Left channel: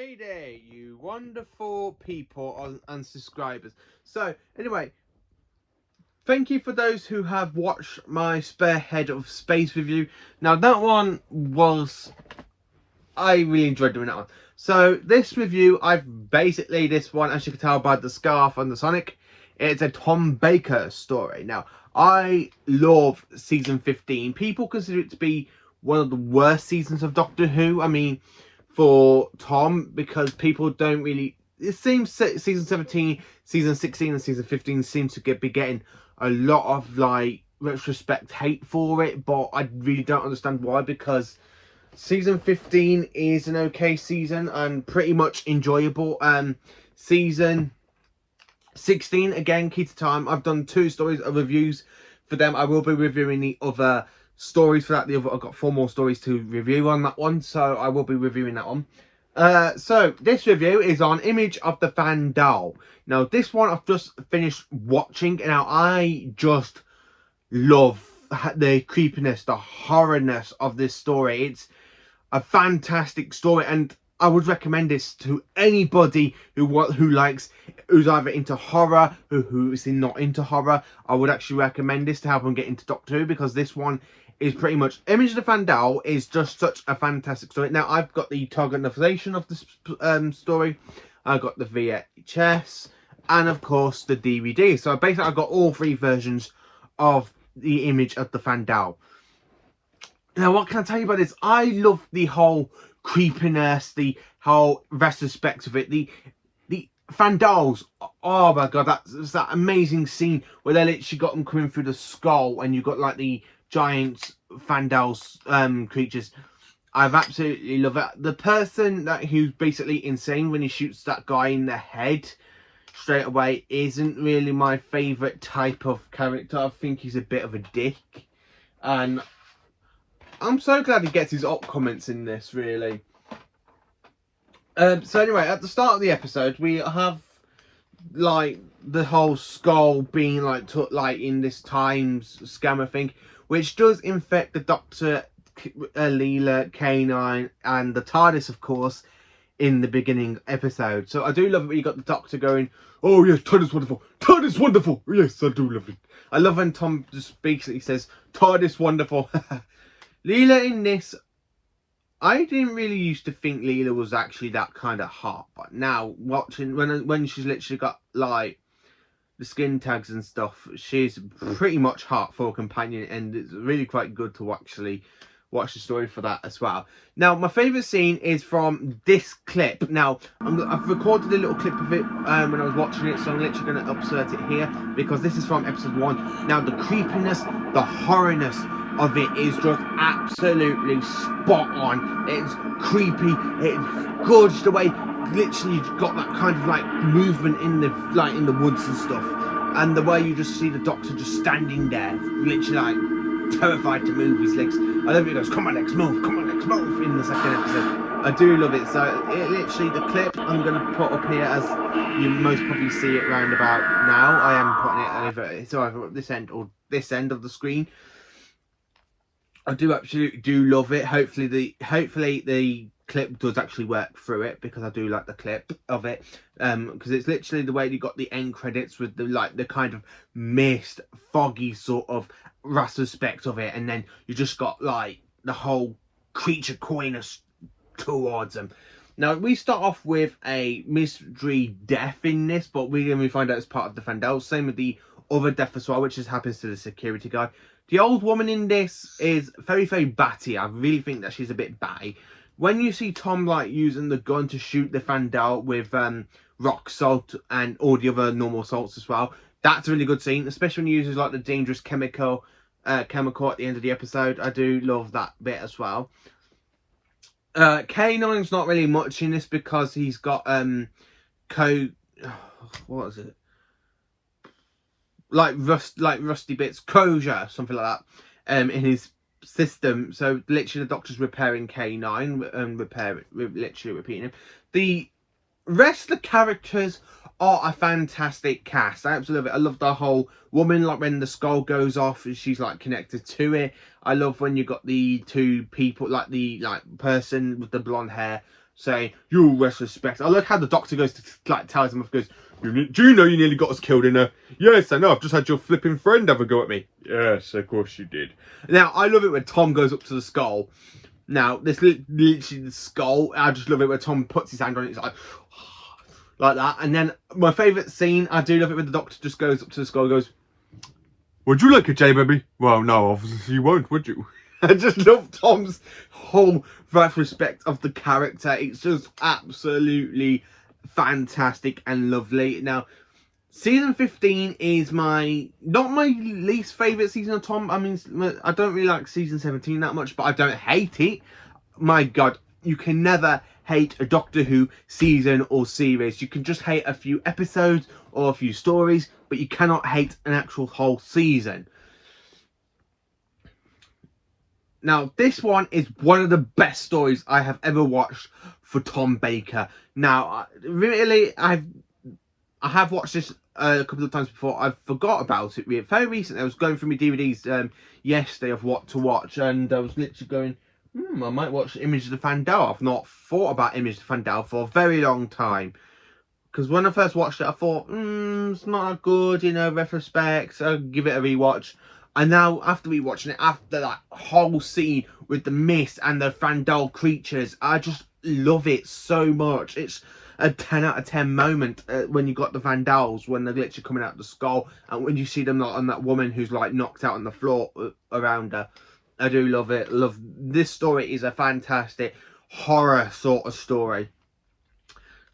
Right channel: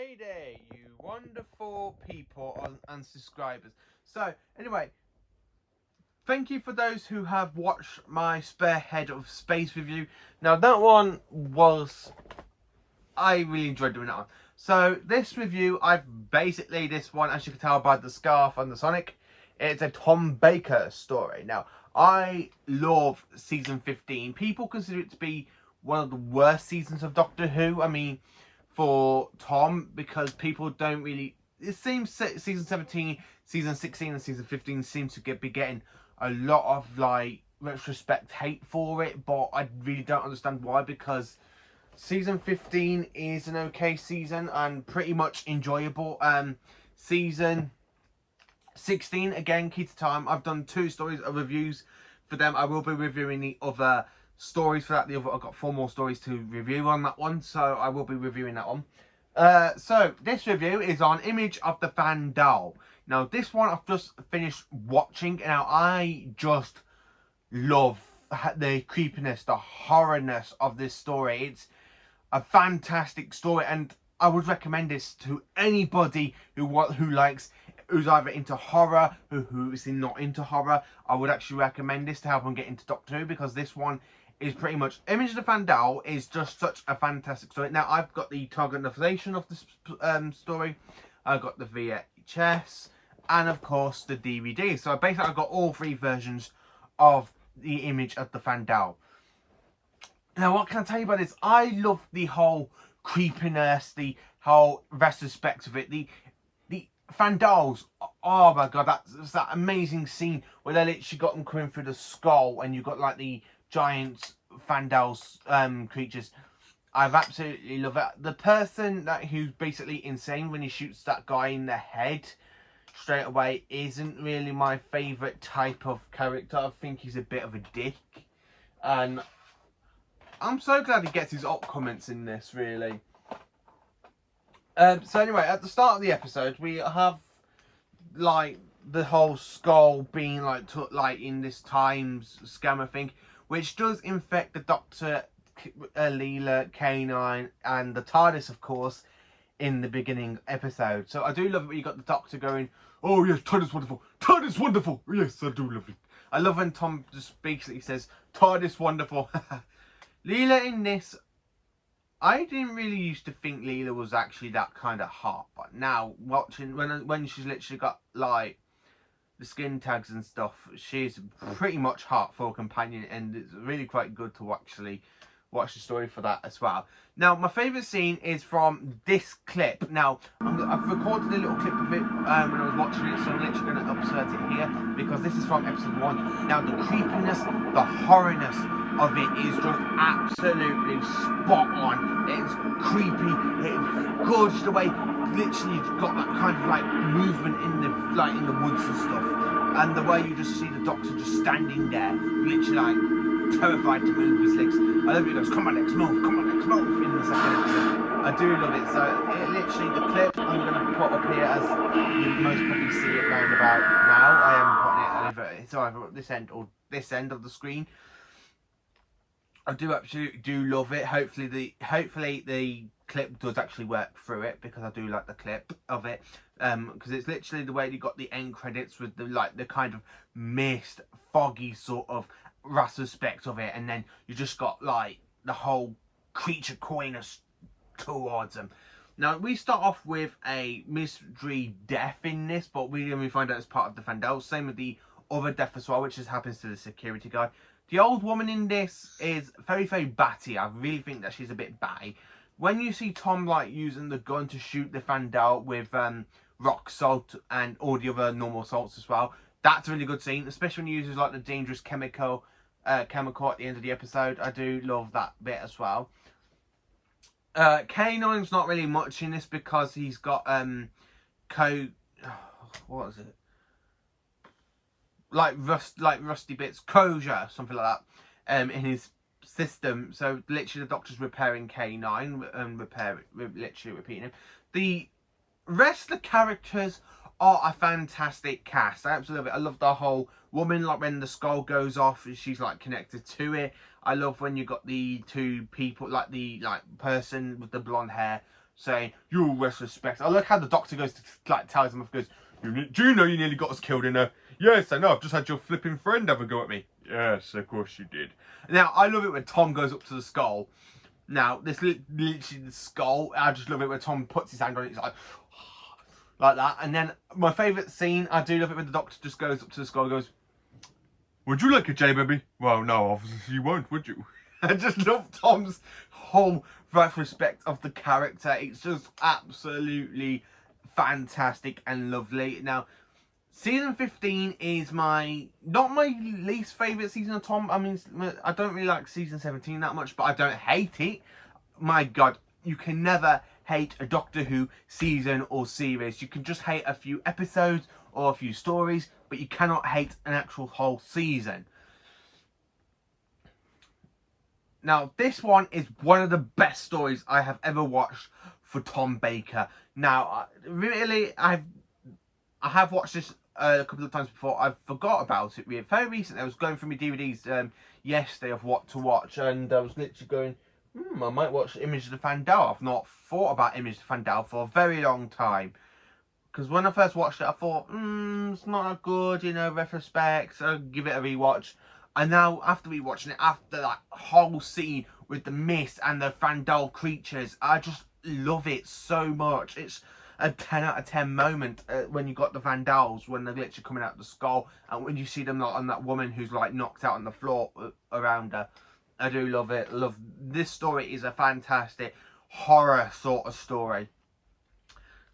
Hey there, you wonderful people and subscribers. So, anyway, thank you for those who have watched my spare head of space review. Now, that one was... I really enjoyed doing that one. So, this review, this one, as you can tell by the scarf and the Sonic, it's a Tom Baker story. Now, I love season 15. People consider it to be one of the worst seasons of Doctor Who. I mean, for Tom, because people don't really... It seems season 17, season 16 and season 15 seem to be getting a lot of, like, retrospect hate for it, but I really don't understand why, because season 15 is an okay season and pretty much enjoyable. Season 16, again, key to time. I've done 2 stories of reviews for them. I will be reviewing the other stories for that. I've got 4 more stories to review on that one, so I will be reviewing that one. So this review is on Image of the Fendahl. Now, this one I've just finished watching. Now, I just love the creepiness, the horrorness of this story. It's a fantastic story, and I would recommend this to anybody who's either into horror, who is not into horror. I would actually recommend this to help them get into Doctor Who, because this one is pretty much... Image of the Fendahl is just such a fantastic story. Now, I've got the target novelization of the story. I've got the VHS, and of course the DVD. So basically I've got all 3 versions of the Image of the Fendahl. Now, what can I tell you about this? I love the whole creepiness, the whole retrospect of it. The Fendahls, oh my god, that's that amazing scene where they literally got them coming through the skull, and you got like the giant Fendahls creatures. I've absolutely love it. The person who's basically insane when he shoots that guy in the head straight away isn't really my favourite type of character. I think he's a bit of a dick, and I'm so glad he gets his op comments in this, really. So anyway, at the start of the episode, we have like the whole skull being like in this Times scammer thing, which does infect the Doctor, Leela, K9, and the TARDIS, of course, in the beginning episode. So I do love it when you got the Doctor going, "Oh yes, TARDIS wonderful, TARDIS wonderful." Yes, I do love it. I love when Tom just basically says, "TARDIS wonderful." Leela in this, I didn't really used to think Leela was actually that kind of hot, but now watching when she's literally got like the skin tags and stuff, she's pretty much hot for a companion, and it's really quite good to actually watch the story for that as well. Now, my favourite scene is from this clip. Now, I've recorded a little clip of it when I was watching it, so I'm literally going to insert it here, because this is from episode 1. Now, the creepiness, the horrorness of it is just absolutely spot on. It's creepy, it's gorgeous the way literally you've got that kind of like movement in the woods and stuff, and the way you just see the Doctor just standing there, literally like terrified to move his legs. I love it. He goes, "Come on, Lex, move! Come on, Lex, move!" in the second episode. I do love it. So it literally, the clip I'm going to put up here, as you most probably see it round about now. I am putting it either at this end or this end of the screen. I do absolutely love it. Hopefully the clip does actually work through it, because I do like the clip of it, because it's literally the way you got the end credits with the kind of mist, foggy sort of retrospect of it, and then you just got like the whole creature calling us towards them. Now, we start off with a mystery death in this, but we find out it's part of the Fendahl. Same with the other death as well, which just happens to the security guy. The old woman in this is very, very batty. I really think that she's a bit batty. When you see Tom like using the gun to shoot the Fendahl with rock salt and all the other normal salts as well, that's a really good scene, especially when he uses like the dangerous chemical at the end of the episode. I do love that bit as well. K9's not really much in this, because he's got what is it? Like rusty bits, kosher, something like that, in his system. So literally the Doctor's repairing K9 and literally repeating him. The rest of the characters are a fantastic cast. I absolutely love it. I love the whole woman, like when the skull goes off, she's like connected to it. I love when you got the 2 people, like the person with the blonde hair saying, "You respect." I like how the Doctor goes to like tells him, goes, "Do you know you nearly got us killed in a?" "Yes, I know. I've just had your flipping friend have a go at me." "Yes, of course you did." Now I love it when Tom goes up to the skull. Now this literally the skull. I just love it when Tom puts his hand on it. It's like that. And then my favourite scene, I do love it when the Doctor just goes up to the skull and goes, "Would you like a J, baby?" "Well, no, obviously you won't, would you?" I just love Tom's whole respect of the character. It's just absolutely fantastic and lovely. Now, season 15 is not my least favourite season of Tom. I mean, I don't really like season 17 that much, but I don't hate it. My God, you can never hate a Doctor Who season or series. You can just hate a few episodes or a few stories, but you cannot hate an actual whole season. Now, this one is one of the best stories I have ever watched for Tom Baker. Now, really, I have watched this a couple of times before. I forgot about it very recently. I was going through my DVDs yesterday of what to watch, and I was literally going, I might watch Image of the Fendahl. I've not thought about Image of the Fendahl for a very long time. Because when I first watched it, I thought, it's not that good, you know, retrospect. I'll give it a rewatch. And now, after rewatching it, after that whole scene with the mist and the Fendahl creatures, I just love it so much. It's a 10 out of 10 moment when you got the Fendahls, when they're literally coming out of the skull, and when you see them like, on that woman who's like knocked out on the floor around her. I do love it. This story is a fantastic horror sort of story.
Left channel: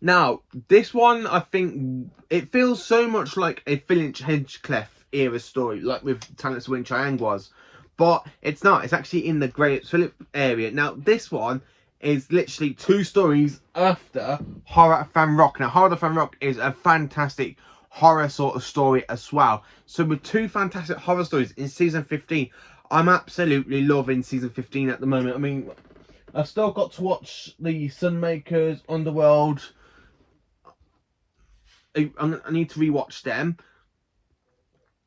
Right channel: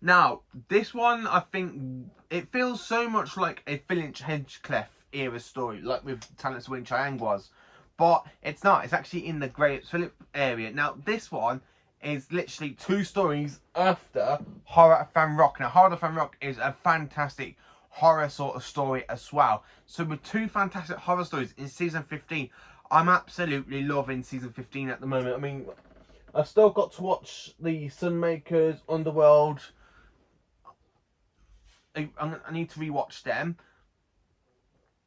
Now, this one, I think, it feels so much like a Finch Hinchcliffe era story, like with Talents Wing Chiang was. But it's not. It's actually in the Great Phillip area. Now, this one is literally 2 stories after Horror at Fan Rock. Now, Horror at Fan Rock is a fantastic horror sort of story as well. So with 2 fantastic horror stories in season 15, I'm absolutely loving season 15 at the moment. I mean, I've still got to watch the Sunmakers, Underworld. I need to rewatch them,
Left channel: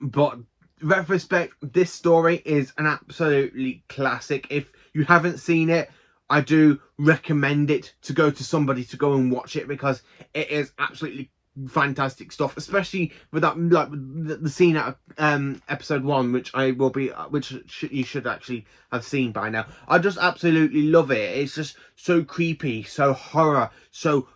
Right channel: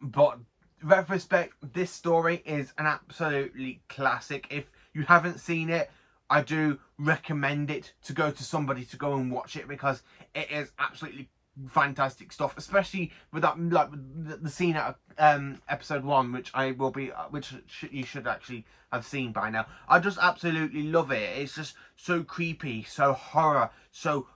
but retrospect, this story is an absolutely classic. If you haven't seen it, I do recommend it to go to somebody to go and watch it, because it is absolutely fantastic stuff, especially with that, like the scene at episode 1, which you should actually have seen by now. I just absolutely love it. It's just so creepy, so horror, so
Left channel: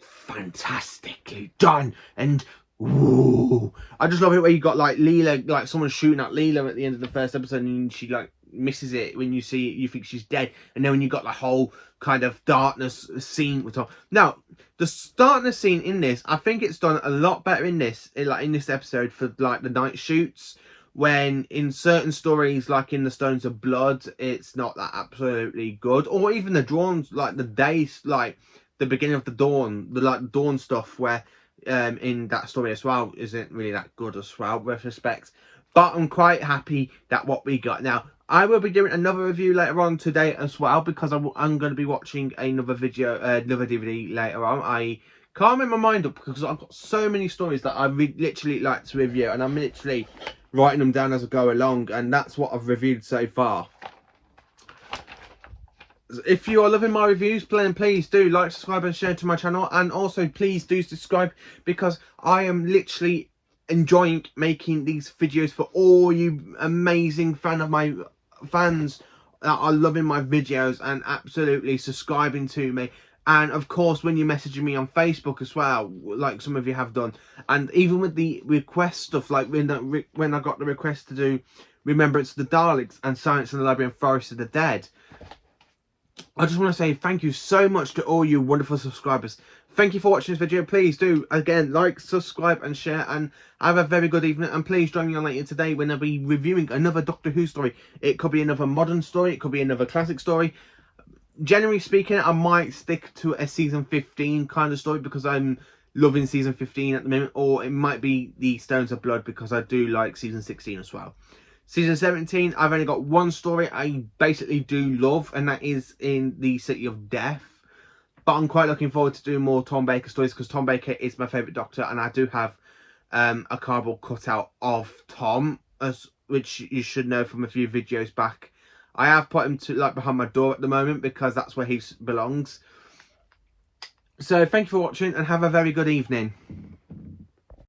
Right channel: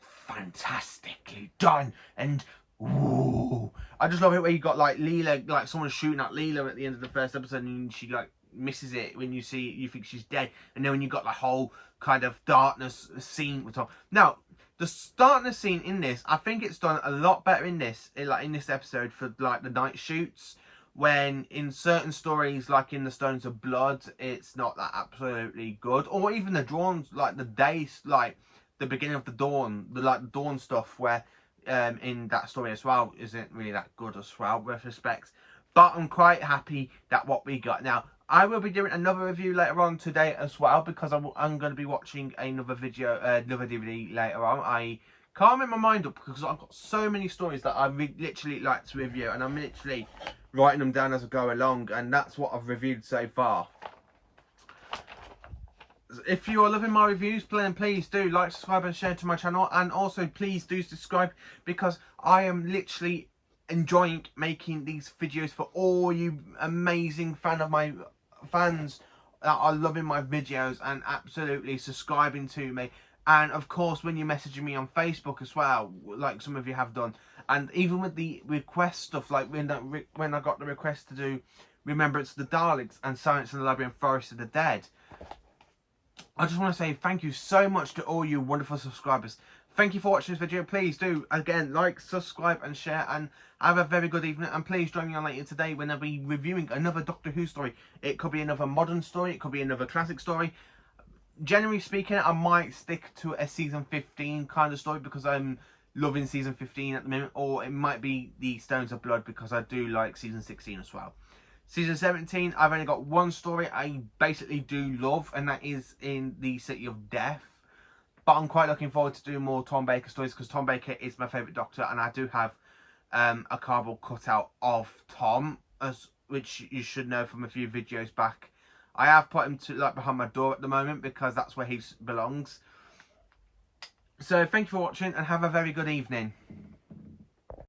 fantastically done, and ooh, I just love it where you got like Leela, like someone shooting at Leela at the end of the first episode, and she like misses it. When you see it, you think she's dead, and then when you got the whole kind of darkness scene with Tom. Now, the darkness scene in this, I think it's done a lot better in this episode for like the night shoots. When in certain stories, like in the Stones of Blood, it's not that absolutely good, or even the drawns, like the days, like the beginning of the dawn, the dawn stuff, where in that story as well isn't really that good as well with respect. But I'm quite happy that what we got. Now, I will be doing another review later on today as well, because I'm going to be watching another video, another DVD later on. I can't make my mind up because I've got so many stories that I literally like to review, and I'm literally writing them down as I go along, and that's what I've reviewed so far. If you are loving my reviews, please do like, subscribe and share to my channel, and also please do subscribe, because I am literally enjoying making these videos for all you amazing fans that are loving my videos and absolutely subscribing to me. And of course, when you're messaging me on Facebook as well, like some of you have done, and even with the request stuff, like when I got the request to do Remembrance of the Daleks and Silence in the Labyrinth, Forest of the Dead, I just want to say thank you so much to all you wonderful subscribers. Thank you for watching this video. Please do, again, like, subscribe and share, and have a very good evening. And please join me on later today when I'll be reviewing another Doctor Who story. It could be another modern story, it could be another classic story. Generally speaking, I might stick to a season 15 kind of story, because I'm loving season 15 at the moment, or it might be the Stones of Blood, because I do like season 16 as well. Season 17, I've only got one story I basically do love, and that is in the City of Death. But I'm quite looking forward to doing more Tom Baker stories, because Tom Baker is my favourite Doctor, and I do have a cardboard cutout of Tom, which you should know from a few videos back. I have put him to like behind my door at the moment, because that's where he belongs. So thank you for watching and have a very good evening.